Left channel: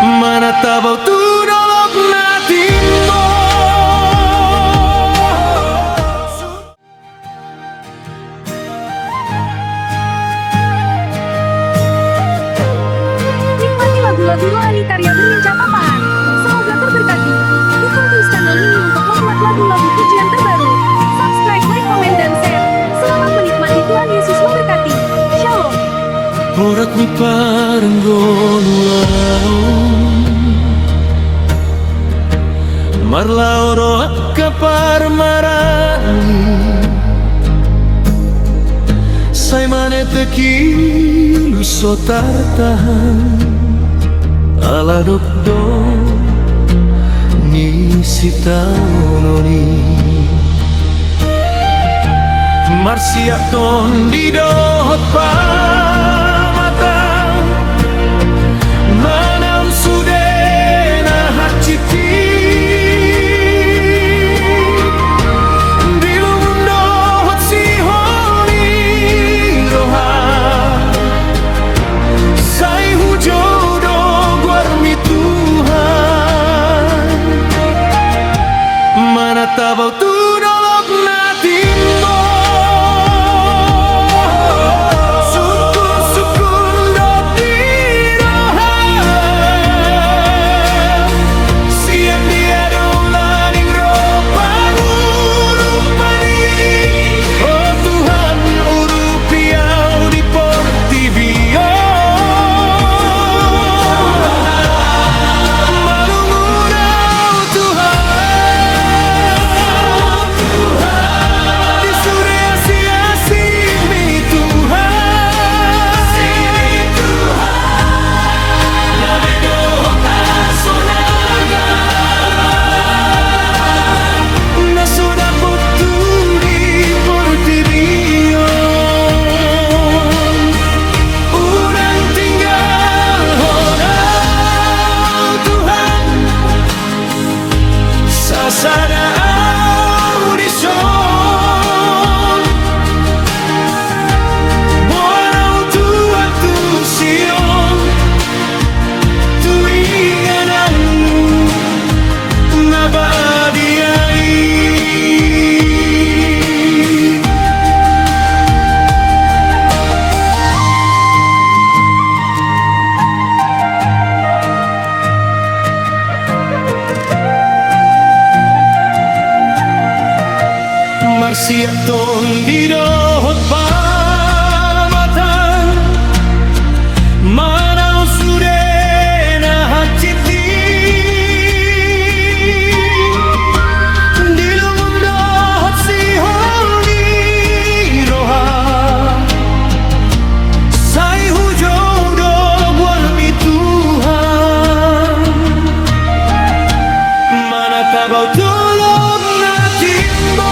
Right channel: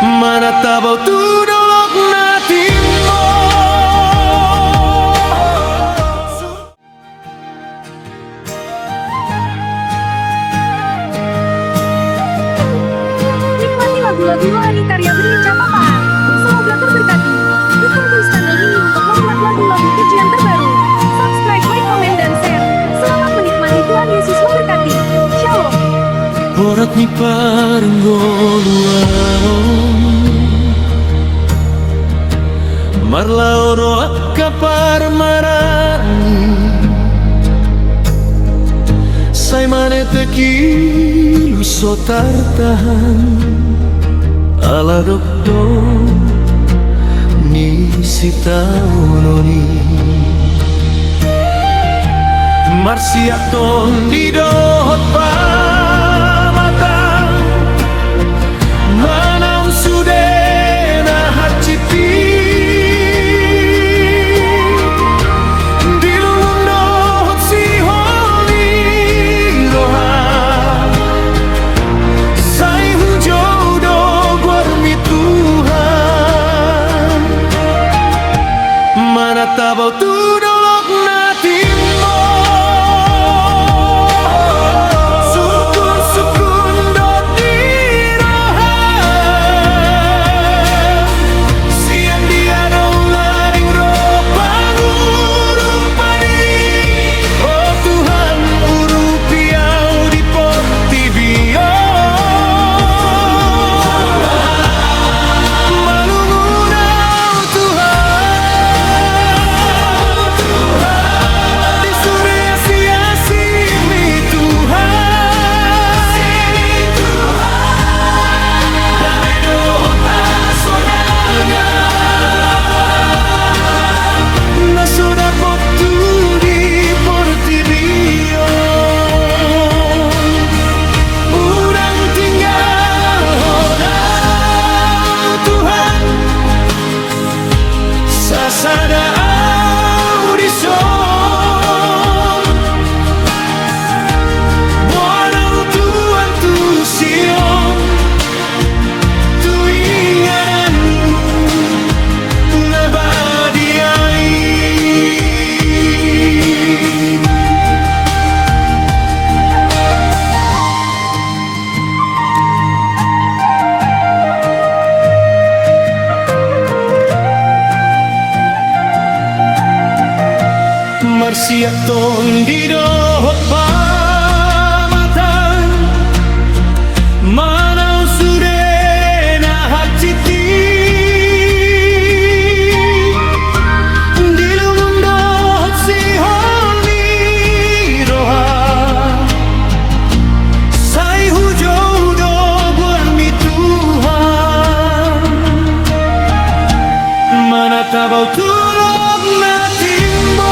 Mana tabau tu dolok na timbo. Nikmati lagu-lagu rohani karya Berlincah Papahan. Semoga terberkati. Dukung terus channel ini untuk membuat lagu-lagu pujian terbaru. Subscribe, like, komen, dan share. Selamat menikmati. Tuhan Yesus memberkati. Shalom. Porat ni parenggoluaon Marlaoro kapar marani Sai manete kilu sotar tahan Ala dokdo ni sitaunoni Marsiak ton di dohot pamatang Manam sudena haciti Dilungun dohot si holi roha Sai hujodo guarmi Tuhan Mana tabau tu dolok na timbo Sudah potu di Portibion Urang tinggal honau Tuhan Sasada audison Bonau Tuhan tu Sion Tu ingananmu Nabadiai Marsiak ton di dohot pamatang Manau sudena haciti Dilungun dohot si holi roha Sai hujodo guarmi Tuhan Mana tabau tulog na timbo